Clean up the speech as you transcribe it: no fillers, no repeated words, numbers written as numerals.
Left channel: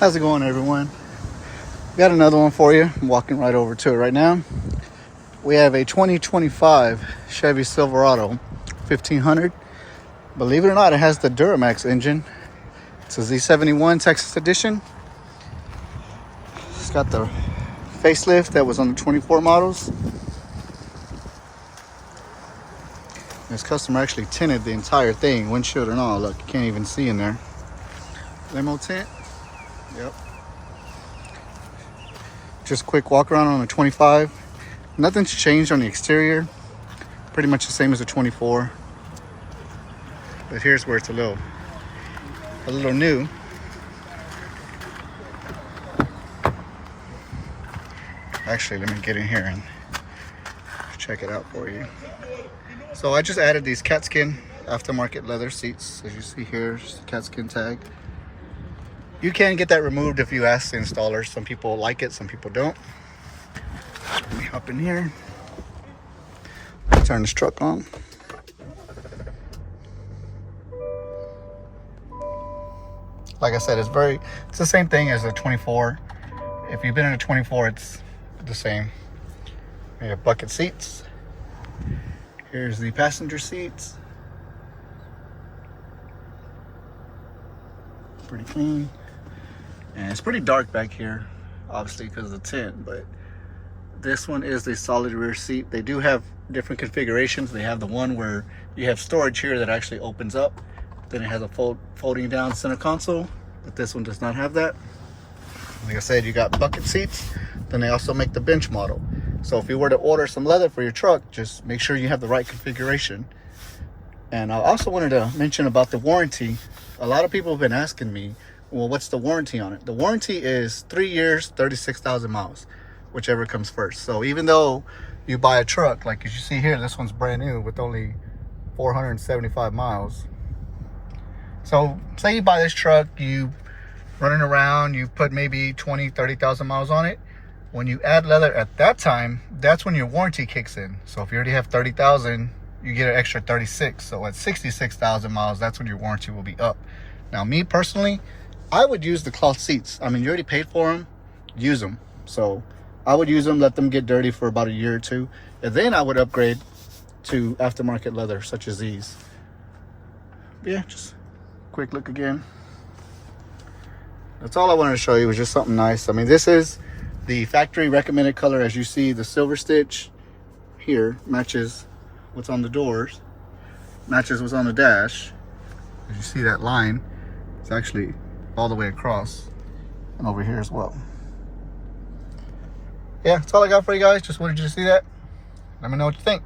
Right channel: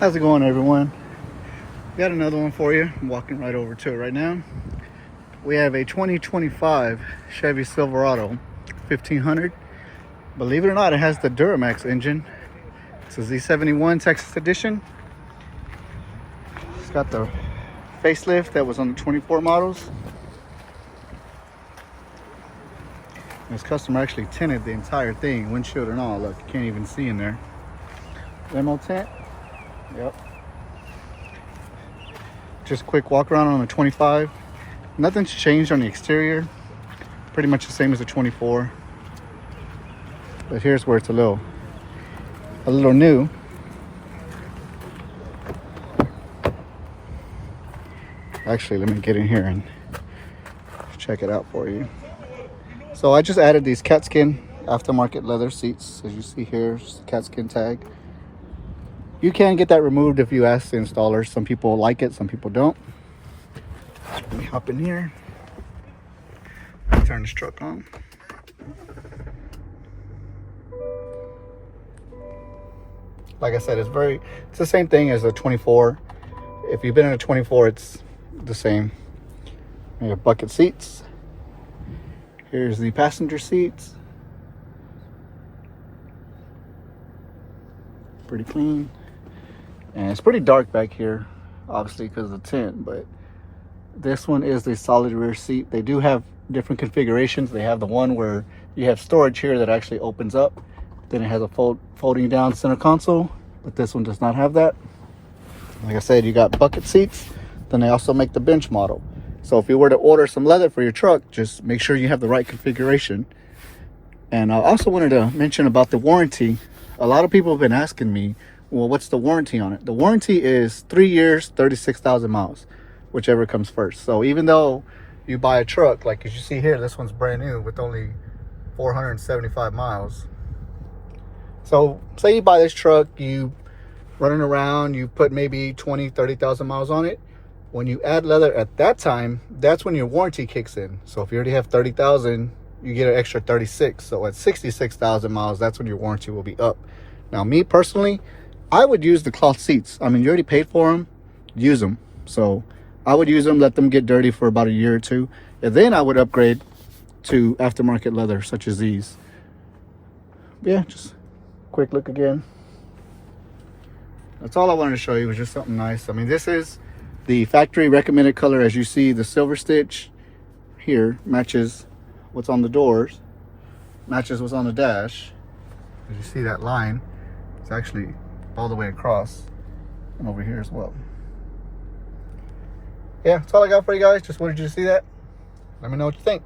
How's it going, everyone? Got another one for you. I'm walking right over to it right now. We have a 2025 Chevy Silverado 1500. Believe it or not, it has the Duramax engine. It's a Z71 Texas edition. It's got the facelift that was on the 24 models. This customer actually tinted the entire thing, windshield and all. Look, you can't even see in there. Limo tint. Yep. Just quick walk around on the 25. Nothing's changed on the exterior. Pretty much the same as the 24. But here's where it's a little new. Actually, let me get in here and check it out for you. So I just added these Katzkin aftermarket leather seats. As you see here, it's the Katzkin tag. You can get that removed if you ask the installer. Some people like it, some people don't. Let me hop in here. Turn this truck on. Like I said, it's the same thing as a 24. If you've been in a 24, it's the same. We have bucket seats. Here's the passenger seats. Pretty clean. And it's pretty dark back here, obviously because of the tint, but this one is the solid rear seat. They do have different configurations. They have the one where you have storage here that actually opens up. Then it has a folding down center console, but this one does not have that. Like I said, you got bucket seats. Then they also make the bench model. So if you were to order some leather for your truck, just make sure you have the right configuration. And I also wanted to mention about the warranty. A lot of people have been asking me, well, what's the warranty on it? The warranty is 3 years, 36,000 miles, whichever comes first. So even though you buy a truck, like as you see here, this one's brand new with only 475 miles. So say you buy this truck, you running around, you put maybe 20, 30,000 miles on it. When you add leather at that time, that's when your warranty kicks in. So if you already have 30,000, you get an extra 36. So at 66,000 miles, that's when your warranty will be up. Now, me personally, I would use the cloth seats. I mean, you already paid for them, use them. So I would use them, let them get dirty for about a year or two. And then I would upgrade to aftermarket leather, such as these. Yeah, just quick look again. That's all I wanted to show you, was just something nice. I mean, this is the factory recommended color. As you see, the silver stitch here matches what's on the doors, matches what's on the dash. As you see, that line, it's actually all the way across and over here as well. Yeah, that's all I got for you guys. Just wanted you to see that. Let me know what you think.